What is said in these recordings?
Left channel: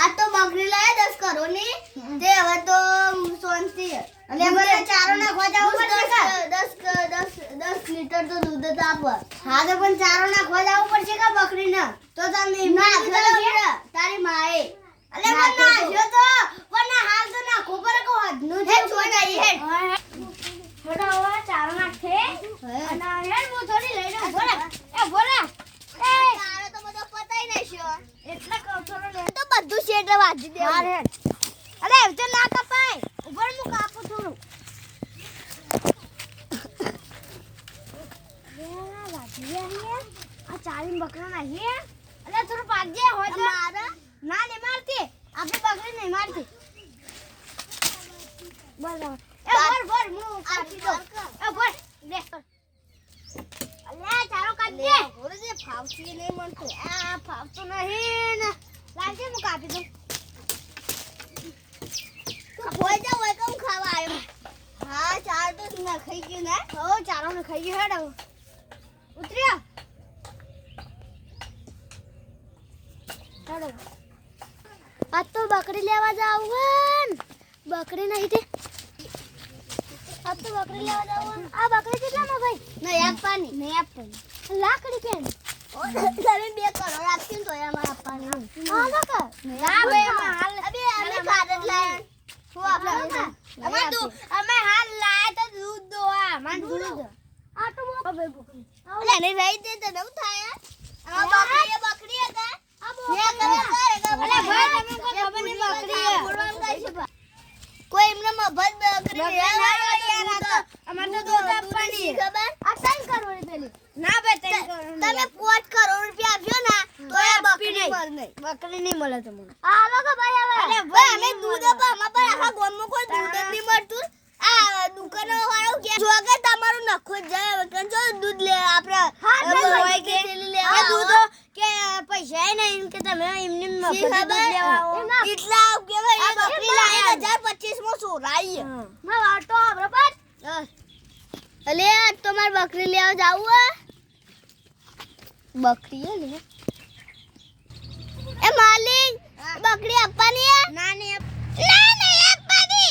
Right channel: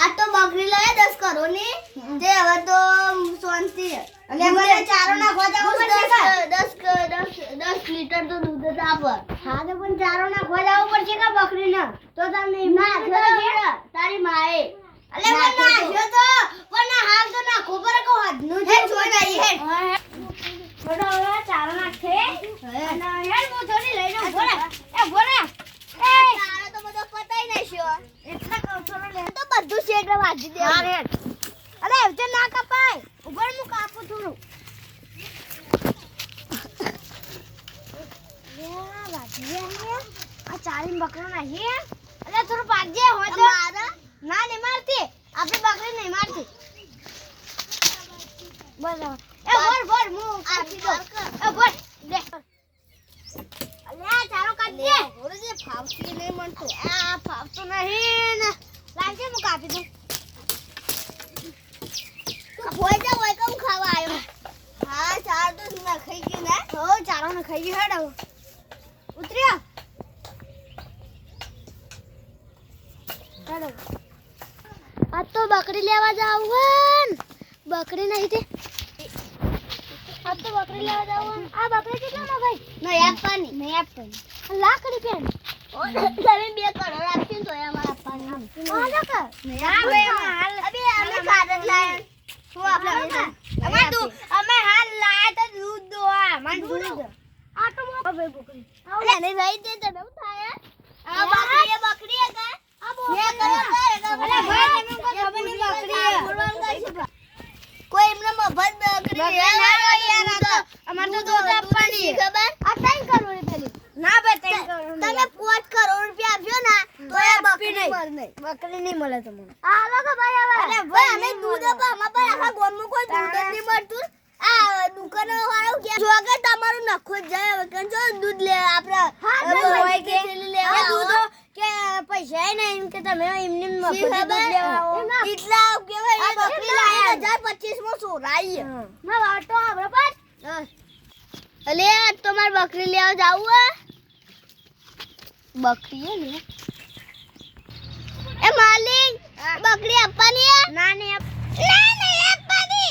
આ તો બકરી લાયા 10 કરોડની તે હવે તો શાંતિ છે અને મને ચારો નાખવા જાવ 10 લીટર તો દૂધ જ આપે હા તો પણ ચારો નાખવા જાવ પડશે કે બકરીને તો તને તારી માએ અલે મને નાખ્યો તો પણ હાલ તો નાખો પર કો હદનું છે જોઈ ગઈ હે છોડો ચારો નાખે અને હેડ મો થોડી લઈને બોલે એ બોલે એ ચારો તો બધો પતાઈ નાખ્યો એટલે કહું થોડો લે તો બધું શેડ વાજી દે અરે અરે તો ના કપાય ઉપર મુ કાપું થોડું વાજી આ ચારી બકરો નાખી અરે થોડું પાજે હોય તો મારા ના ને મારતી આપણે બકરી નહીં મારતી બોલો એ બોલ મુ કાપી દો એ બોલ લે અલ્યા ચારો કાઢજે ઓરે ફાવતી નહીં મનતો આ ફાવતો નહીં ને લાગજે મુ કાપી દઉં હોય જા હોય કમ ખાવા આવ્યો હા ચાર તો ના ખાઈ ગયો ને હો ચારો ને ખાઈ ગયો હેડ ઉતર્યા હેડ આ તો બકરી લેવા જાવ બકરી નહીં તે આ તો બકરી લેવા જાવ આ બકરી કેટલામાં ભાઈ નહીં આપવાની લાકડી કેમ ઓ તમે 2 કરોડ આપતી તો અમાર આપવાની હા ના કર ના બે હાલ અબે અમે ખાદ લાય શું આપણે અમે હાલ લાયા તો દૂધ દોવા મન દૂધ આ તો હવે બકરી અલે નહીં લઈ દે તો નવ થાય આ બકરી હે કા આ કોઈ એમને મફત બકરી અમાર તો દૂધ આપવાની ખબર આ 3 કરોડ પેલી ના બે 3 કરોડ તમે 5 કરોડ રૂપિયા આપ્યો ના તો આ બકરી નહીં મળે તમને આ લોકો ભાઈ અરે ભાઈ અમે દૂધ આપા અમાર પર આખા ગામમાં કોઈ દૂધ જ નહીં મળતું આ દુકાનો વાળો કે જો કે તમારું નખો જાય હવે કન જો દૂધ લે આપણે હોય કે લેવા દૂધ કે પૈસા નહીં કે તમે એમને મફત દૂધ લેવા આવો એટલા કે ભાઈ બકરી લાય 1025 માં સોરાઈ માં વાટો આપણે પર અલે તો માર બકરી લેવા જાવ બકરી હે ને એ માલિક બકરી આપવાની હે ના નહીં આપવાની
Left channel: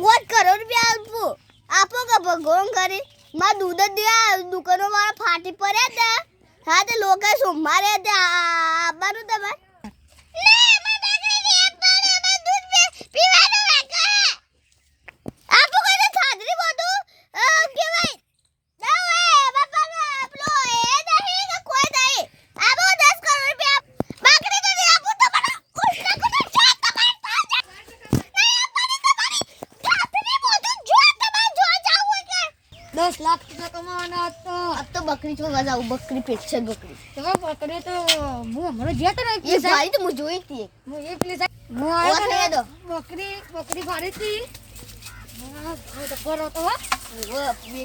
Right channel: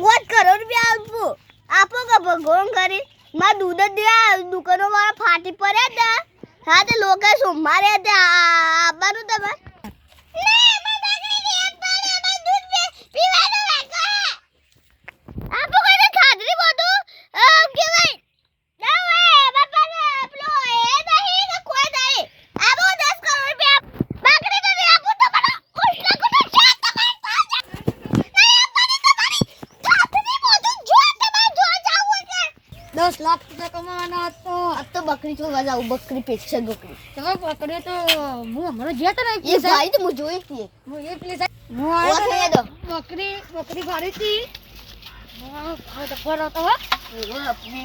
5 કરોડ રૂપિયા આપો કે ભગવાન કરી માં દૂધ જ દે દુકાનો વાળા ફાટી પડ્યા હતા હા તે લોકો સોમવારે આવવાનું તમે $10 લાખ કમાવાના તો अब तो बकरी चोगा जाऊ बकरी पेक्षा बकरी તો બકરી તો હું હમણાં જ્યાં તો ये भाई तो मुझे ही थी હું એક લે હું वो આવ્યો खाने दो બકરી ભારી હતી હા તો કરો તો वो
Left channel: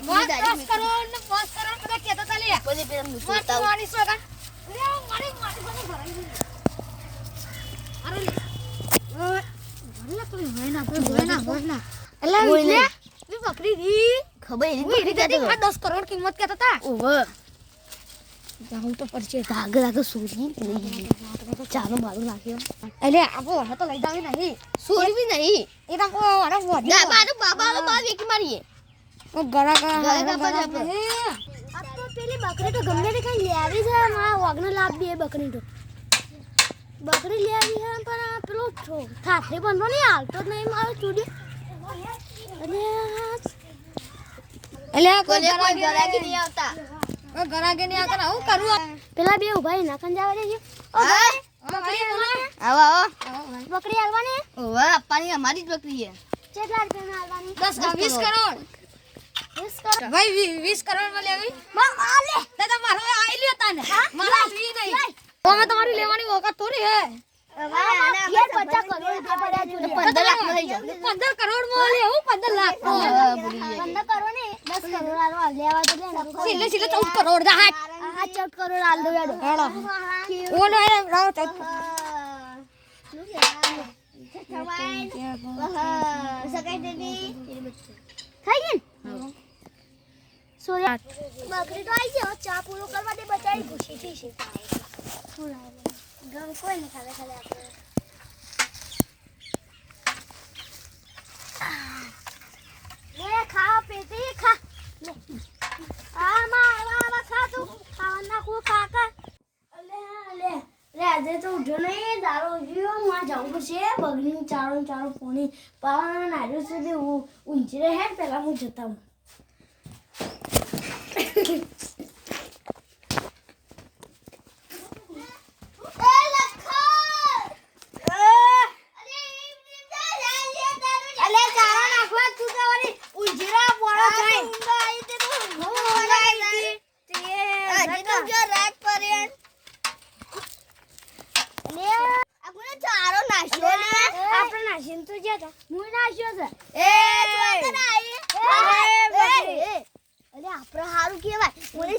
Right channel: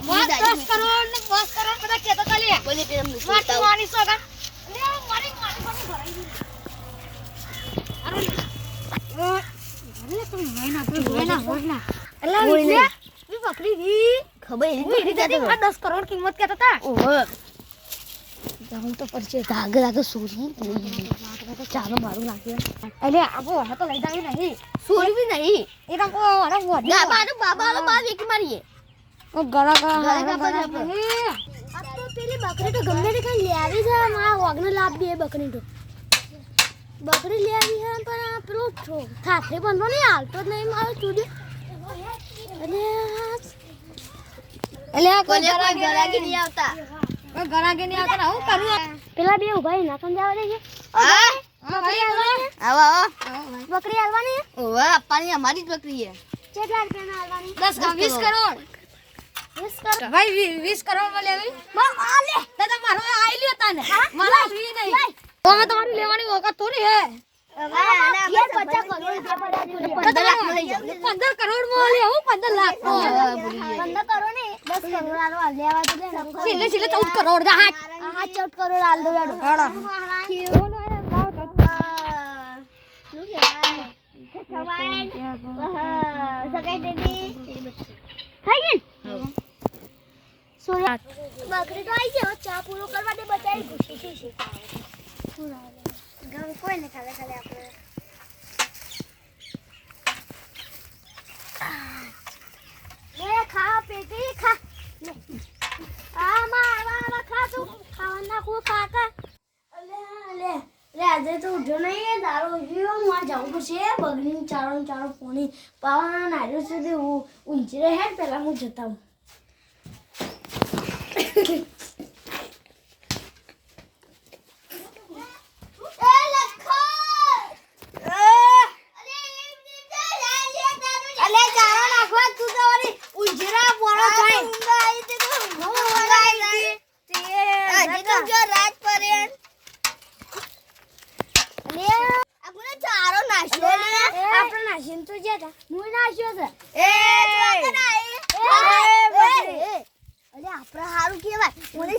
મને 10 કરોડ ને 5 કરોડ પર કેતો ચાલી बोले तेरा मुझे માટી મારી સોગા લે મારી ભરી ભરાઈ ગઈ અરે તો હોયના એલા હોયના. ઈ બકરી રી खबर ही ઈ नहीं રીતે 10 કરોડ કિંમત કેતા હતા ओहो જાઉં તો પડશે धाग धाग सूरी चालो मारू नाखियो એટલે આપો હવે તો લઈ જાવી નહીં सूरी भी नहीं એ તો વાડા વધી ना बाबा बाबा बाबा एक मारिए ગળા ગળા ગળા ગળા अब तो પેલી બકરી તો ગમે તે કઈ લે આવી છે મારા વાગને લાભ દે બકરી તો બકરી લે આવી છે પણ પેલો થાથે બંધો નહીં હાલતો જ નહીં મારો સ્ટુડિયો અને એટલે કોઈ ગરાગી નહીં આવતા ગરાગે નહીં આવતા હું કરું પેલા બે ઉભા ના કન જાવ દેજે બકરી આવો આવો બકરી આલવાની ઓવા આપવાની અમારી જ બકરી છે કેટલા રૂપિયામાં આલવાની 10 20 કરોડ 20 કરોડ ભાઈ 20 કરોડ માં લેવી માં આલે તે તો મારો આઈ લ્યો તને મારા ફ્રી નહીં ઓમાં તમારી લેવાની ઓકાત થોડી હે 50 કરોડ રૂપિયા પડ્યા 15 લાખ થઈ જાય 15 કરોડ માં લે હું 15 લાખ 15 કરોડ ને 10 કરોડ આલવા લેવા તો દે ને સિલે 14 કરોડ દા હાથ 14 કરોડ આલ દો યાડો ઓનો એ રાવ તો શું કહેવાય સગાઈ દીદી થઈ ગઈ સોયા બકરી તો આવી ગયો ચા પૂરો કરવા દે બચાઈ ખુશી થી છે ગમ કોઈ ને ખાલે ખાલે આપણે પેટી ખા લે આ મારવા ખા તું પાવન નાખું ખાતા લે આજે તો ઉઠ્યો નહીં દારો ઉઠ્યો માં જવું પડશે બગડીને ચારો પોણી પાવન નાર્યો સુધી ઊંચી રહે પેલા હું જતા હું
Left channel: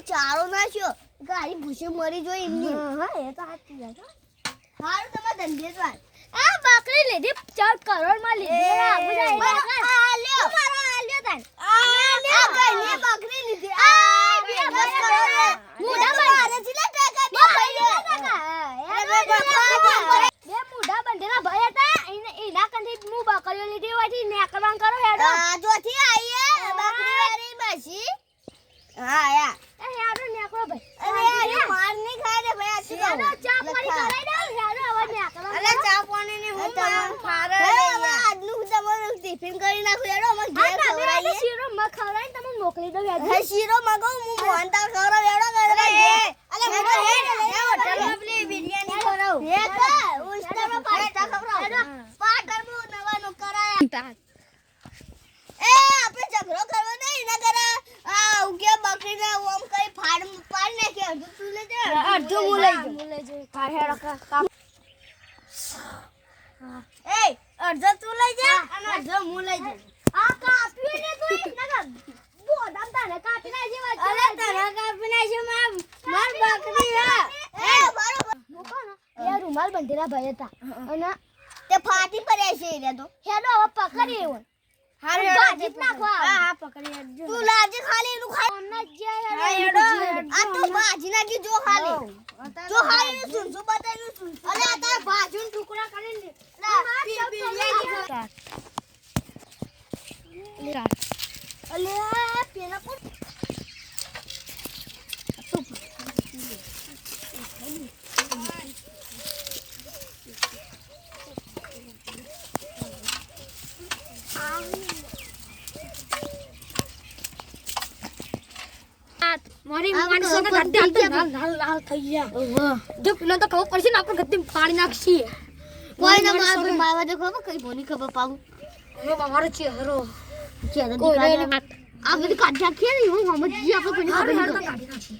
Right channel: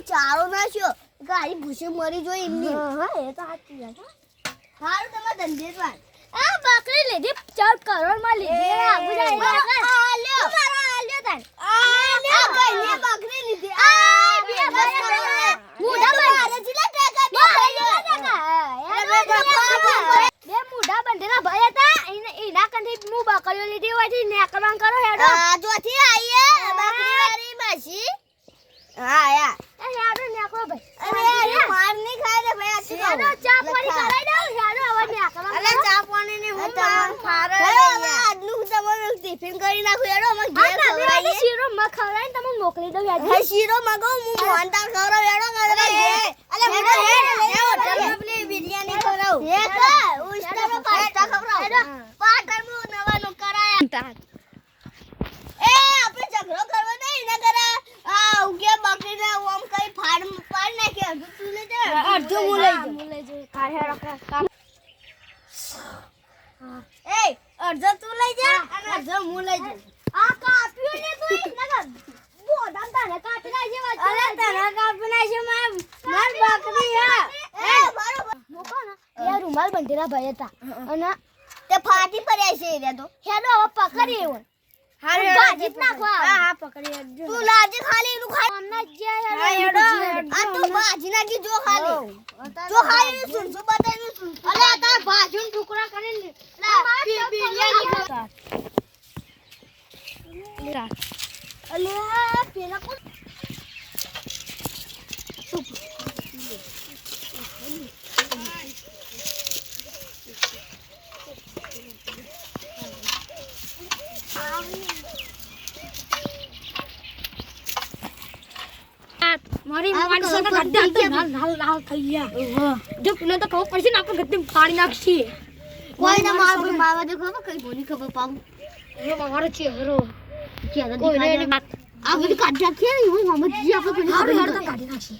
ચારો નાખ્યો ગાડી ભૂસે મરી જોઈ એમની હા એ તો સાચી વાત હારું તમાર ધંધે જ વાત આ બકરી લીધી 4 કરોડ માં લીધી આગુ જાય આ લ્યો મારો આ લ્યો તન આ લ્યો ભાઈ બકરી લીધી આ બે મુઢા મારે જીલા ટાકા બે મુઢા બંધેલા ભાઈ હતા એના કંઠી મુ બકરીઓ લીધી હોયથી નેકરવાન કરો હેડો આ જોથી આઈએ બકરી વાળી માસી હા યાર એ હેડો નેકરો ભાઈ અરે માર ની ખાય રે ભાઈ આ હેડો ચા પાણી કરાઈ દઉં હેડો હવે નેકરો અલે ચા પાણી ની હું માર ખારે આજનું તમારું ટિફિન કરી નાખું હેડો અમે ઘેર ખવરાઈએ શીરો મ ખવરાઈને તમને મોકલી દઉં હેડો શીરો મગાવું હું મોંટા ખવરાવ હેડો કરે અલે મને હેડ હોટલ માં પેલી બિરયાની ખવરાવ હે કા ઉસ્તા પાસ્તા ખવરાવ હેડો પાટણ માં નવાનો કરાયા એ આપણે ઝઘડો કરવો નહીં ના કરે આ ઉગે બકરીને ઓમ કઈ પાડ નાખે અડધું તું લઈ જા અડધું હું લઈ જઈ કાર હેડો કામ એ અડધું તું લઈ જા અને અડધું હું લઈ જઈ આ કાપ્યું ને તું નગર બોડામ તારે કાપી નાખજે વાત અરે તારા કાપી નાખજે માર બકરી હા એ બરોબર મોકો ને એ રૂમાલ બંધેલા ભાઈ હતા અને તે ફાટી પડ્યા છે રે તો હેડો હવે પકડી એવો હારે ભાજી નાખવા હા પકડી હેડજો તું લાજે ખાલી એનું ખાઈ અમને જે હેડો આ તો ભાજી નાખી જો ખાલી સુનસુ બતાઈ સુન અલે આ તાર ભાજીનો ટુકડા કરીને બિરયાની ખા અલે પેલા કોણ મારી મારી સોના ગદ્દે લાલ થઈ ગયા જો પેલો તો ખબર પડશે ને આપણે ગદ્દે ફાડી નાખશી કોઈ ના મારવા દે ખબર કઈ બોની ખબર પાઉં રો મારો છે હરો કે કોઈ રે વાત આ બધી કાઢી નાખી ને હું સમજી આપણે કોઈ હારું હારું તો કાઢી નાખશી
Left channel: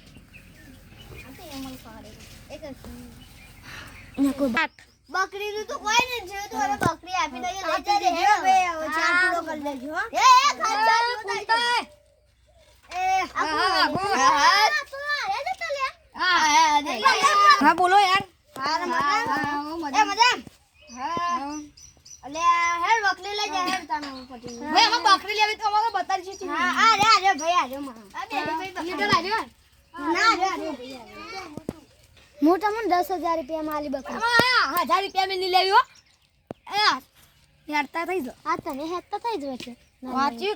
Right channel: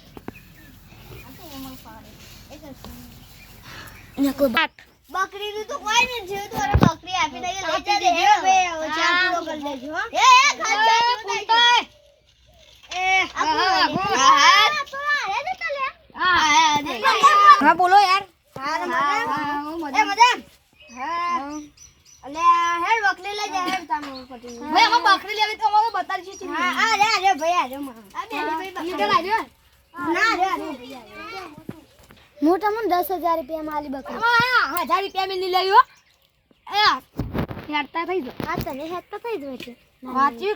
ને કોઈ વાત બકરીનું તો કોઈ નહીં છે તો અરે બકરી આપી દઈએ લઈ જજે હે બે ચાર પૂરો કરી લેજો હો એ ખાલી હા બોલો યાર અલે હેડ બકરી લઈ જા હેડ તાનો પટી ભાઈ હમ બકરી લેવી તો અમારો બતાડી છે હા આ રે ભાઈ આ રે માં આ બે ભાઈ નીકળ આજો ના રે મોટા મને 10000 રૂપિયા માં આલી બકરી હા 1000 રૂપિયા મેં લેવી હો એ હેડતા થઈ જો આ તને હેડતા થઈ જવે છે વાંચી